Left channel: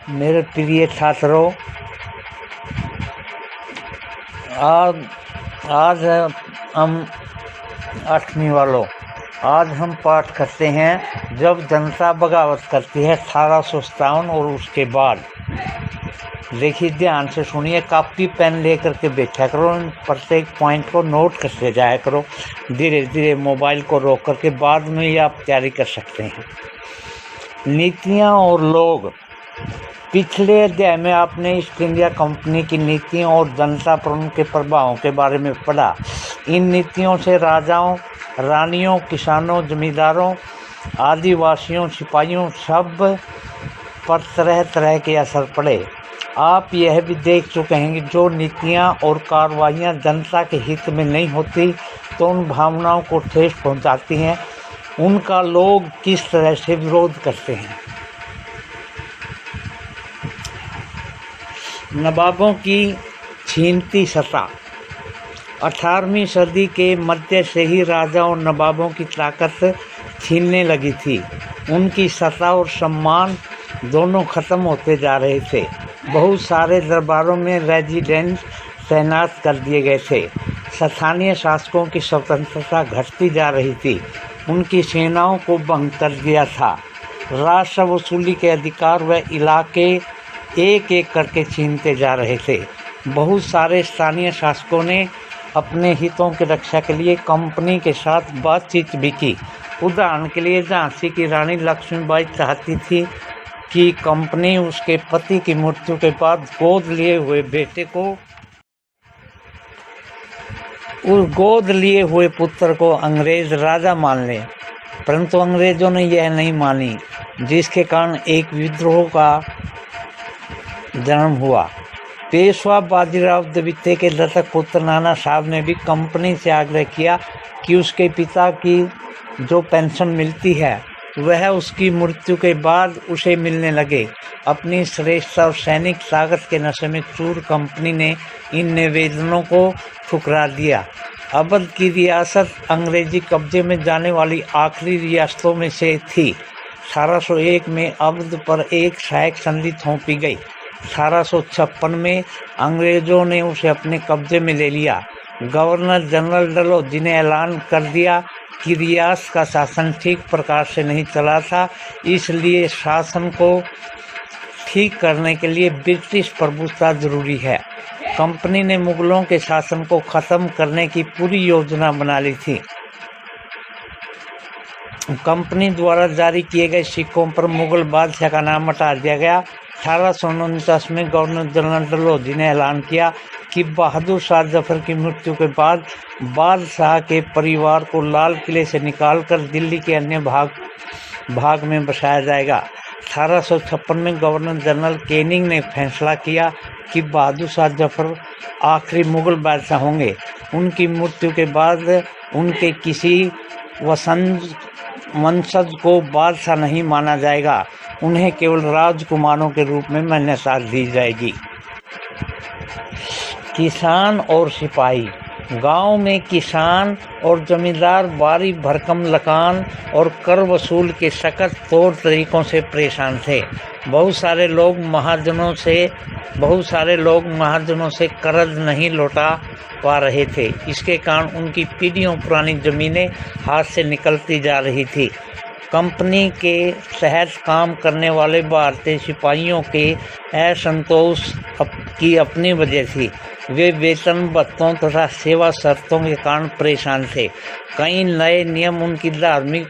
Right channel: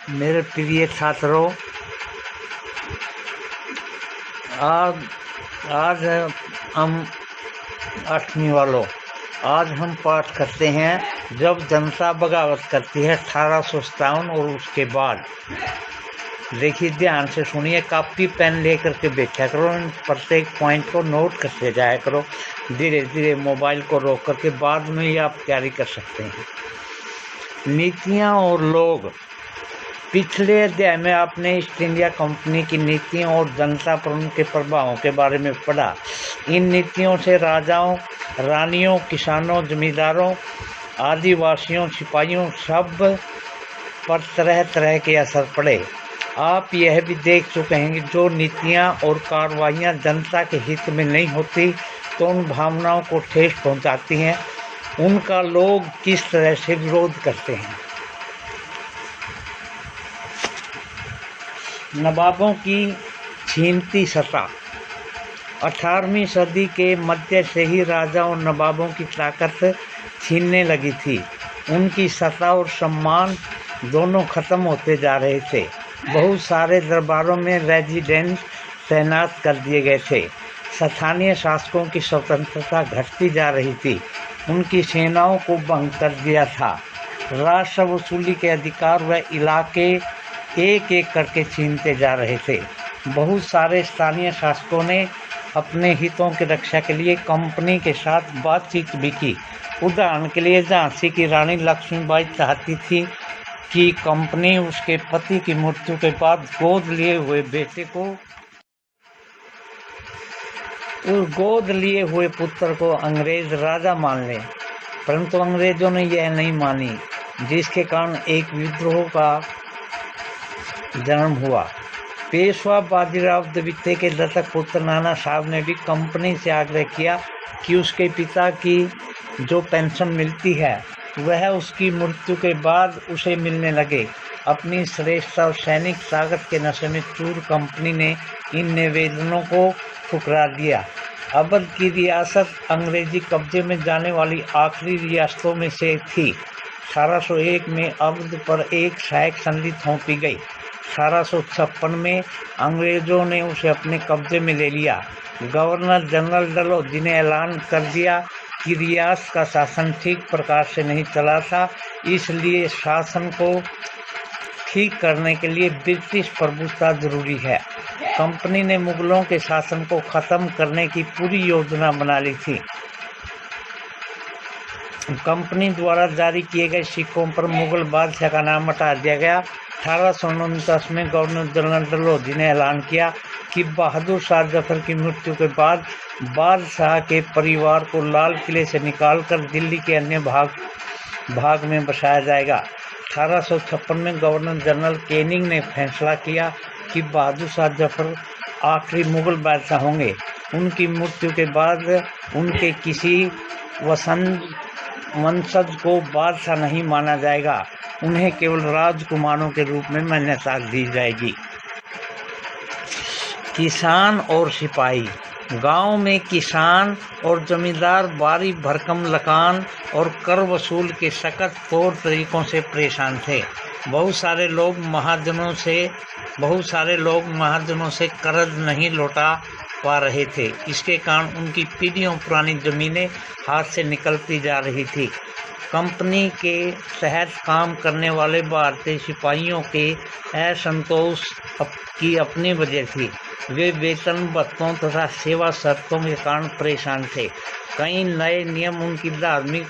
मेरे प्रिय छात्रों, आज आज हम 8वीं वालों आज हम पाठ करते हैं जब जनता बगावत करती है 1857 और उसके बाद। देखिए, ध्यान से सुनिए, कापी पेन लेकर के बैठा करो, प्रत्येक पॉइंट को नोट करते जाया करो। धीरे धीरे मोबाइल को रोक करके बाद में ही आप तैयारी कर सकते हैं। नीतियाँ और लोग। पिछले अध्याय में आपने ईस्ट इंडिया कंपनी की नीतियों और जनता पर उनके प्रभावों के बारे में पढ़ा। इन नीतियों से राजाओं, रानियों, किसानों, जमींदारों, आदिवासियों, सिपाहियों सब पर तरह तरह के असर पड़े। आप यह भी देख चुके हैं कि जो नीतियां और कार्रवाइयां जनता के हित में नहीं होती तो उन भावनाओं को ठेस पहुंचाती हैं, उनका लोग किस तरह से विरोध करते हैं। नवाबों की छीनती सत्ता। 18वीं सदी के मध्य से ही राजाओं और नवाबों की ताकत छीनने लगी थी। उनकी सत्ता और सम्मान दोनों खत्म होते जा रहे थे। बहुत सारे दरबारों में रेजिडेंट तैनात कर दिए गए थे। स्थानीय शासकों की स्वतंत्रता घटती जा रही थी। उनकी सेनाओं को भंग कर दिया था। राजस्व वसूली के अधिकार व इलाके एक एक करके छीनते जा रहे थे। बहुत सारे स्थानीय शासकों ने अपने हितों की रक्षा के लिए कंपनी के साथ बातचीत भी की। उदाहरण के लिए झांसी की रानी लक्ष्मीबाई चाहती थी कि कंपनी उसके पति की मृत्यु के बाद गोद लिए हुए बेटे को, उस गोद लिए हुए पुत्र को अंग्रेज राजा मान ले, परंतु अंग्रेजों ने यह नहीं मानी, जिसके कारण एक विद्रोह का जन्म हुआ। पेशवा बाजीराव द्वितीय के दत्तक पुत्र नाना साहब ने भी कंपनी से आग्रह किया कि उसके पिता की जो पेंशन मिलती है वह उसकी मृत्यु के बाद उसे मिलने लगे। अपनी श्रेष्ठता और सैनिक ताकत के नशे में चूर कंपनी ने इन निवेदनों को ठुकरा दिया। अवध की रियासत अंग्रेजी कब्जे में जाने वाली आखिरी रियासतों में से थी। 1801 में अवध पर एक सहायक संधि थोपी गई। 1856 में अंग्रेजों ने उसे अपने कब्जे में ले लिया। गवर्नर जनरल डलहौजी ने ऐलान कर दिया कि रियासत का शासन ठीक प्रकार से नहीं चला था, इसलिए शासन को ठीक करने के लिए ब्रिटिश प्रभुत्व जरूरी है। कंपनी ने मुगलों के शासन को खत्म करने की पूरी योजना बना ली थी। कंपनी द्वारा जारी किए गए सिक्कों पर मुगल बादशाह का नाम हटा दिया गया। 1849 में गवर्नर जनरल डलहौजी ने ऐलान किया कि बहादुर शाह जफर की मृत्यु के बाद बादशाह के परिवार को लाल किले से निकालकर दिल्ली के अन्य भाग में बसाया जाएगा। 1856 में गवर्नर जनरल कैनिंग ने फैसला किया कि बहादुर शाह जफर आखिरी मुगल बादशाह होंगे। उनकी मृत्यु के बाद उनके किसी वंशज को बादशाह नहीं माना जाएगा, उन्हें केवल राजकुमारों के रूप में मान्यता दी जाएगी। किसान और सिपाही। गांव में किसान और जमींदार बारी भरकम लगान और कर वसूल के सख्त तौर तरीकों से परेशान थे। बहुत सारे लोग महाजनों से कर्ज नहीं लौटा पा रहे थे। इसके कारण उनकी पीढ़ियों पुरानी जमीनें हाथ से निकलती जा रही थी। कंपनी के तहत काम करने वाले भारतीय सिपाहियों के असंतोष की अपनी वजह थी। वे वेतन भत्तों तथा सेवा शर्तों के कारण परेशान थे। कई नए नियम उनकी धार्मिक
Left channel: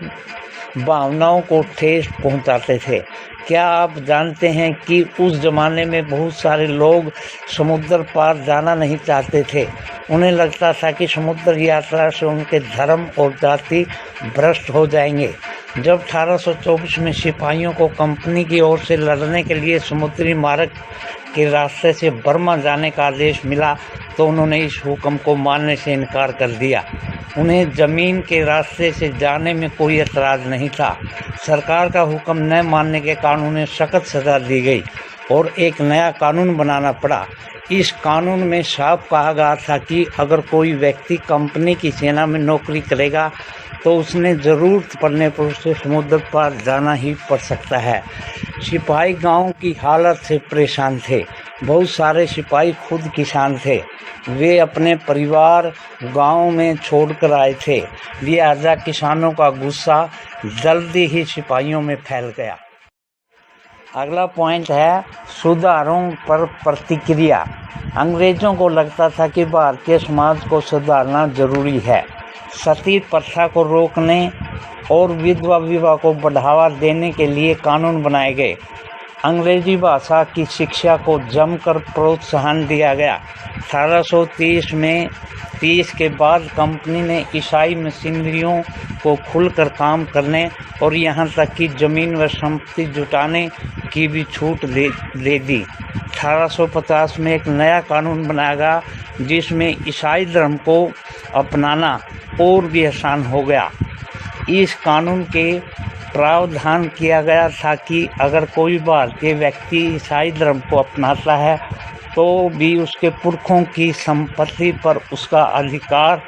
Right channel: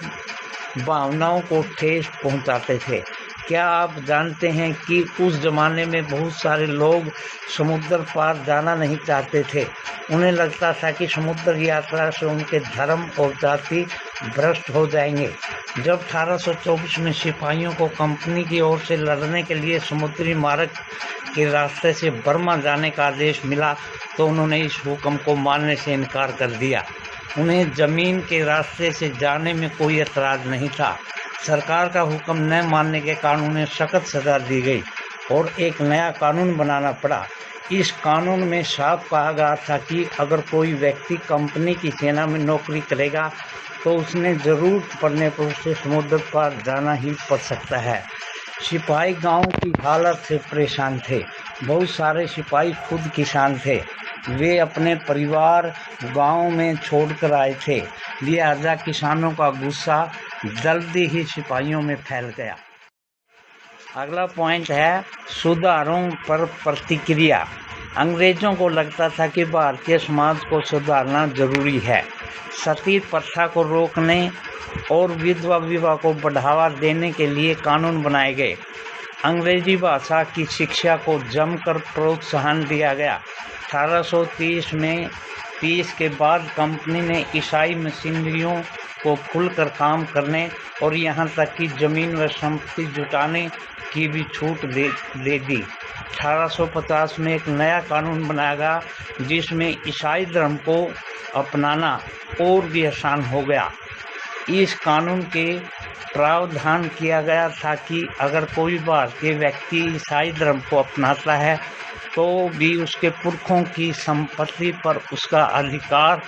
भावनाओं को ठेस पहुंचाते थे। क्या आप जानते हैं कि उस जमाने में बहुत सारे लोग समुद्र पार जाना नहीं चाहते थे। उन्हें लगता था कि समुद्र यात्रा से उनके धर्म और जाति भ्रष्ट हो जाएंगे। जब 1824 में सिपाहियों को कंपनी की ओर से लड़ने के लिए समुद्री मार्ग के रास्ते से बर्मा जाने का आदेश मिला तो उन्होंने इस हुक्म को मानने से इनकार कर दिया। उन्हें जमीन के रास्ते से जाने में कोई एतराज़ नहीं था। सरकार का हुक्म न मानने के कारण उन्हें सख्त सज़ा दी गई और एक नया कानून बनाना पड़ा। इस कानून में साफ कहा गया था कि अगर कोई व्यक्ति कंपनी की सेना में नौकरी करेगा तो उसने ज़रूरत पड़ने पर उसे समुद्र पार जाना ही पड़ सकता है। सिपाही गांव की हालत से परेशान थे। बहुत सारे सिपाही खुद किसान थे। वे अपने परिवार गांव में छोड़कर आए थे, लिहाजा किसानों का गुस्सा जल्दी ही सिपाहियों में फैल गया। अगला पॉइंट है सुधारों पर प्रतिक्रिया। अंग्रेजों को लगता था कि भारतीय समाज को सुधारना जरूरी है। सती प्रथा को रोकने और विधवा विवाह को बढ़ावा देने के लिए कानून बनाए गए। अंग्रेजी भाषा की शिक्षा को जमकर प्रोत्साहन दिया गया। 1830 के बाद कंपनी ने ईसाई मिशनरियों को खुलकर काम करने और यहाँ तक कि जमीन व संपत्ति जुटाने की भी छूट दे दी। 1850 में एक नया कानून बनाया गया जिसमें ईसाई धर्म को अपनाना और भी आसान हो गया। इस कानून के प्रावधान किया गया था कि अगर कोई भारतीय व्यक्ति ईसाई धर्म को अपनाता है तो भी उसके पुरखों की संपत्ति पर उसका अधिकार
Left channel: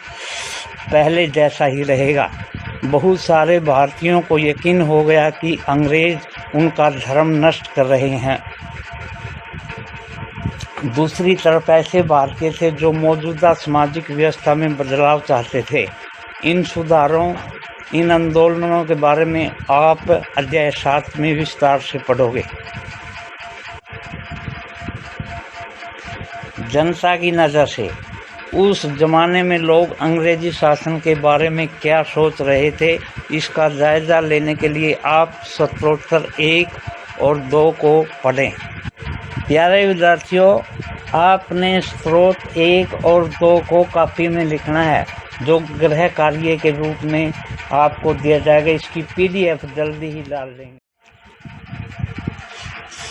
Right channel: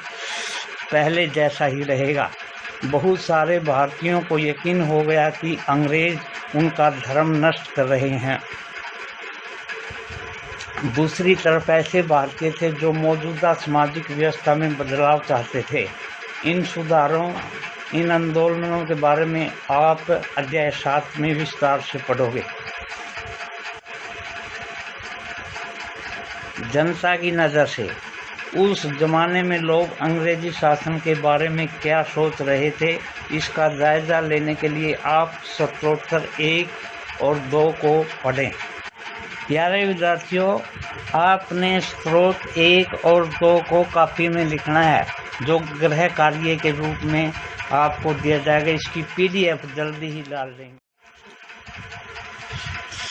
पहले जैसा ही रहेगा। बहुत सारे भारतीयों को यकीन हो गया कि अंग्रेज उनका धर्म नष्ट कर रहे हैं। दूसरी तरफ ऐसे भारतीय थे जो मौजूदा सामाजिक व्यवस्था में बदलाव चाहते थे। इन आंदोलनों के बारे में आप अध्याय 7 में विस्तार से पढ़ोगे। जनता की नज़र से उस जमाने में लोग अंग्रेजी शासन के बारे में क्या सोच रहे थे, इसका जायज़ा लेने के लिए आप स्तोत्र 1 और 2 को पढ़ें। प्यारे विद्यार्थियों, आपने स्त्रोत 1 और 2 को कॉपी में लिखना है, जो गृह कार्य के रूप में आपको दिया जाएगा। इसकी PDF जल्दी ही डाल देंगे।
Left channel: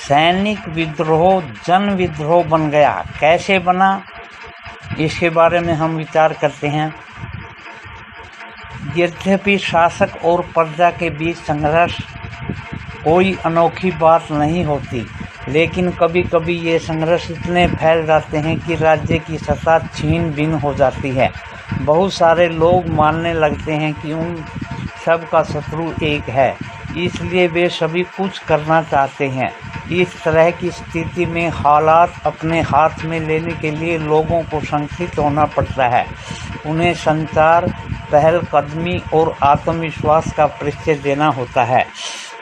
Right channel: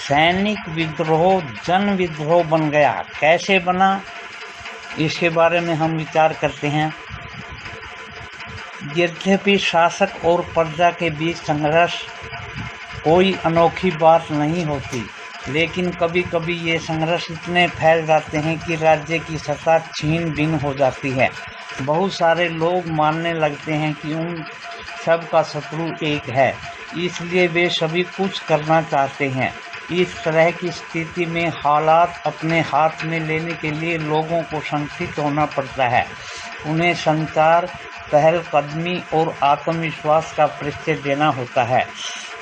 सैनिक विद्रोह जन विद्रोह बन गया। कैसे बना, इसके बारे में हम विचार करते हैं। यद्यपि शासक और प्रजा के बीच संघर्ष कोई अनोखी बात नहीं होती, लेकिन कभी कभी ये संघर्ष इतने फैल जाते हैं कि राज्य की सत्ता छीन भिन्न हो जाती है। बहुत सारे लोग मानने लगते हैं कि उन सब का शत्रु एक है, इसलिए वे सभी कुछ करना चाहते हैं। इस तरह की स्थिति में हालात अपने हाथ में लेने के लिए लोगों को संगठित होना पड़ता है। उन्हें संचार, पहलकदमी और आत्मविश्वास का परिचय देना होता है।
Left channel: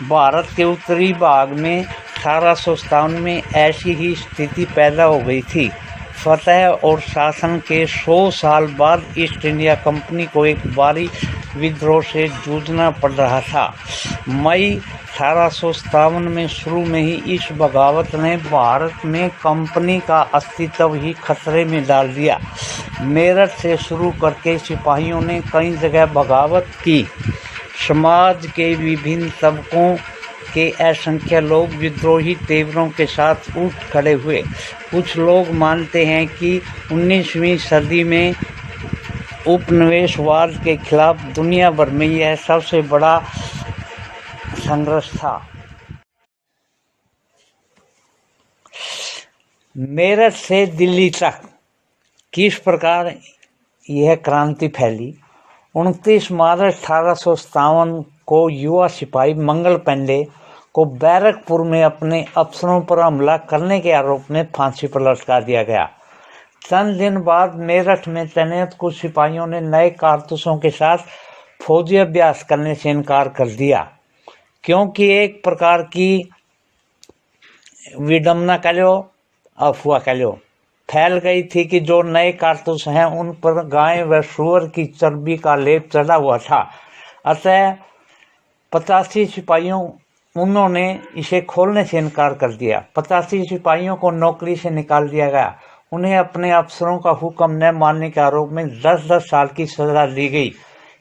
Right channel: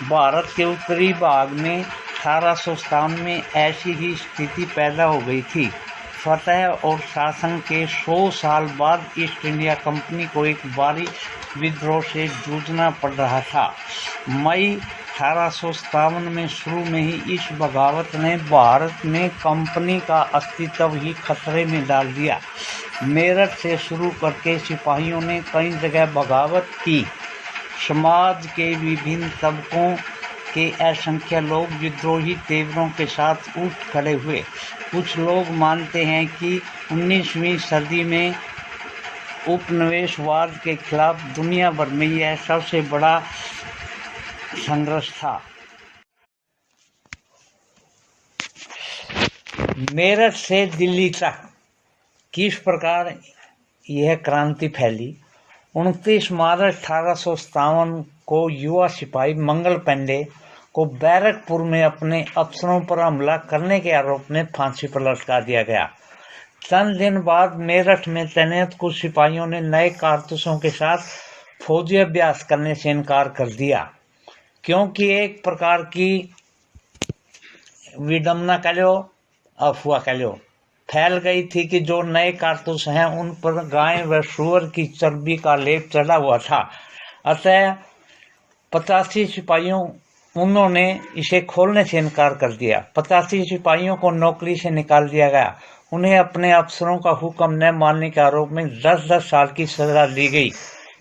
भारत के उत्तरी भाग में 1857 में ऐसी ही स्थिति पैदा हो गई थी। फतह और शासन के 100 साल बाद ईस्ट इंडिया कंपनी को एक भारी विद्रोह से जूझना पड़ रहा था। मई 1857 में शुरू में ही इस बगावत ने भारत में कंपनी का अस्तित्व ही खतरे में डाल दिया। मेरठ से शुरू करके सिपाहियों ने कई जगह बगावत की। समाज के विभिन्न तबकों के असंख्य लोग विद्रोही तेवरों के साथ उठ खड़े हुए। कुछ लोग मानते हैं कि 19वीं सदी में उपनिवेशवाद के खिलाफ दुनिया भर में यह सबसे बड़ा संघर्ष था। मेरठ से दिल्ली तक किस प्रकार यह क्रांति फैली। 29 मार्च 1857 को युवा सिपाही मंगल पांडे को बैरकपुर में अपने अफसरों पर हमला करने के आरोप में फांसी पर लटका दिया गया। चंद दिन बाद मेरठ में तैनात कुछ सिपाहियों ने नए कारतूसों के साथ फौजी अभ्यास करने से इनकार कर दिया, क्योंकि एक प्रकार की विडम्बना कह लो, अफवाह कह लो, फैल गई थी कि जो नए कारतूस हैं उन पर गाय व सूअर की चर्बी का लेप चढ़ा हुआ था। अतः 85 सिपाहियों उन्होंने इसे खोलने से इनकार कर दिया। 85 सिपाहियों को नौकरी से निकाल दिया गया। उन्हें अपने अफसरों का हुक्म न मानने के आरोप में 10-10 साल की सजा दी गई।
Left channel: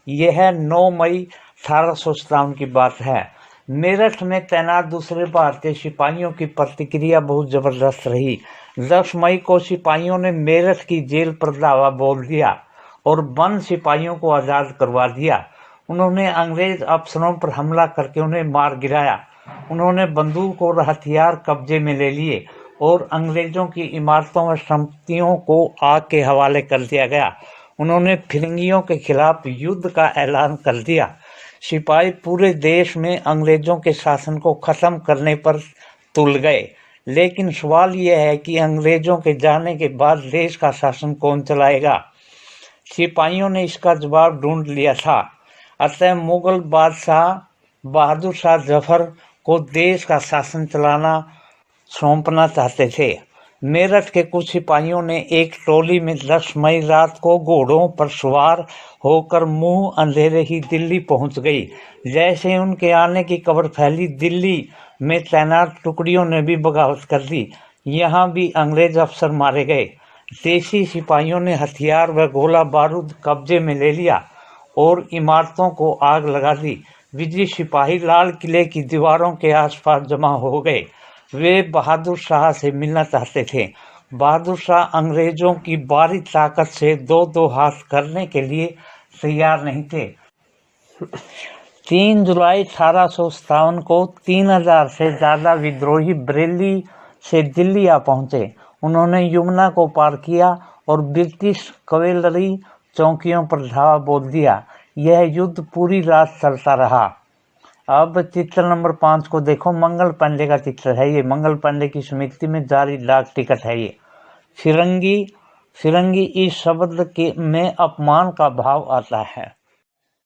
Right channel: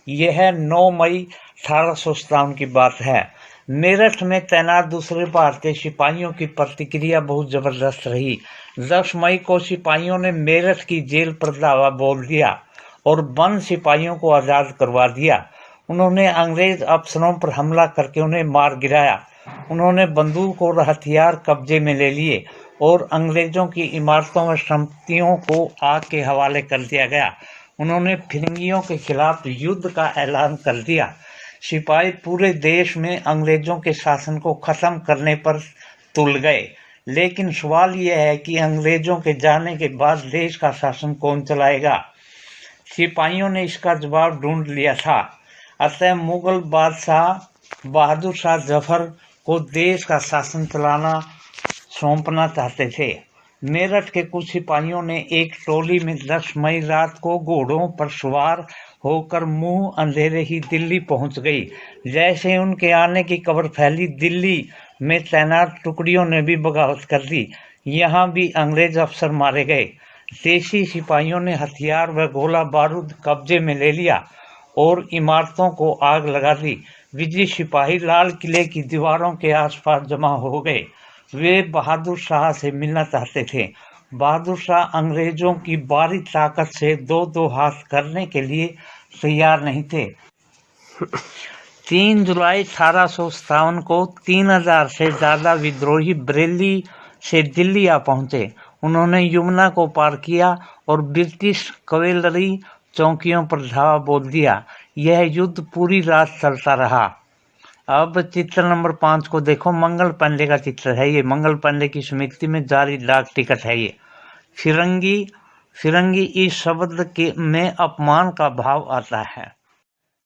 यह 9 मई 1857 की बात है। मेरठ में तैनात दूसरे भारतीय सिपाहियों की प्रतिक्रिया बहुत जबरदस्त रही। 10 मई को सिपाहियों ने मेरठ की जेल पर धावा बोल दिया और बंद सिपाहियों को आज़ाद करवा दिया। उन्होंने अंग्रेज अफसरों पर हमला करके उन्हें मार गिराया। उन्होंने बंदूक और हथियार कब्जे में ले लिए और अंग्रेजों की इमारतों व संपत्तियों को आग के हवाले कर दिया गया। उन्होंने फिरंगियों के खिलाफ युद्ध का ऐलान कर दिया। सिपाही पूरे देश में अंग्रेजों के शासन को खत्म करने पर तुल गए। लेकिन सवाल यह है कि अंग्रेजों के जाने के बाद देश का शासन कौन चलाएगा। सिपाहियों ने इसका जवाब ढूंढ लिया था। अतः मुगल बादशाह बहादुर शाह जफर को देश का शासन चलाना सौंपना चाहते थे। मेरठ के कुछ सिपाहियों ने एक टोली में 10 मई रात को घोड़ों पर सवार होकर मुंह अंधेरे ही दिल्ली पहुंच गई। जैसे उनके आने की खबर फैली, दिल्ली में तैनात टुकड़ियों ने भी बगावत कर दी। यहाँ भी अंग्रेज अफसर मारे गए। देशी सिपाहियों ने हथियार व गोला बारूद कब्जे में ले लिया और इमारतों को आग लगा दी। विजयी सिपाही लाल किले की दीवारों के आसपास जमा हो गए। वे बहादुर शाह से मिलना चाहते थे। बहादुर शाह अंग्रेजों की बारी ताकत से दो हाथ करने के लिए तैयार नहीं थे। 3 जुलाई 1857 को 3000 से ज़्यादा विद्रोही बरेली से दिल्ली आ पहुंचे। उन्होंने यमुना को पार किया और ब्रिटिश कैवेलरी चौकियों पर धावा बोल दिया। यह युद्ध पूरी रात चलता रहा। अब चित्र नंबर 5 को देखो। मंगल पांडे का चित्र है ये। मंगल पांडे की स्मृति में जारी डाक टिकट है ये। फिरंगी इस शब्द में अपमान का भाव आता है।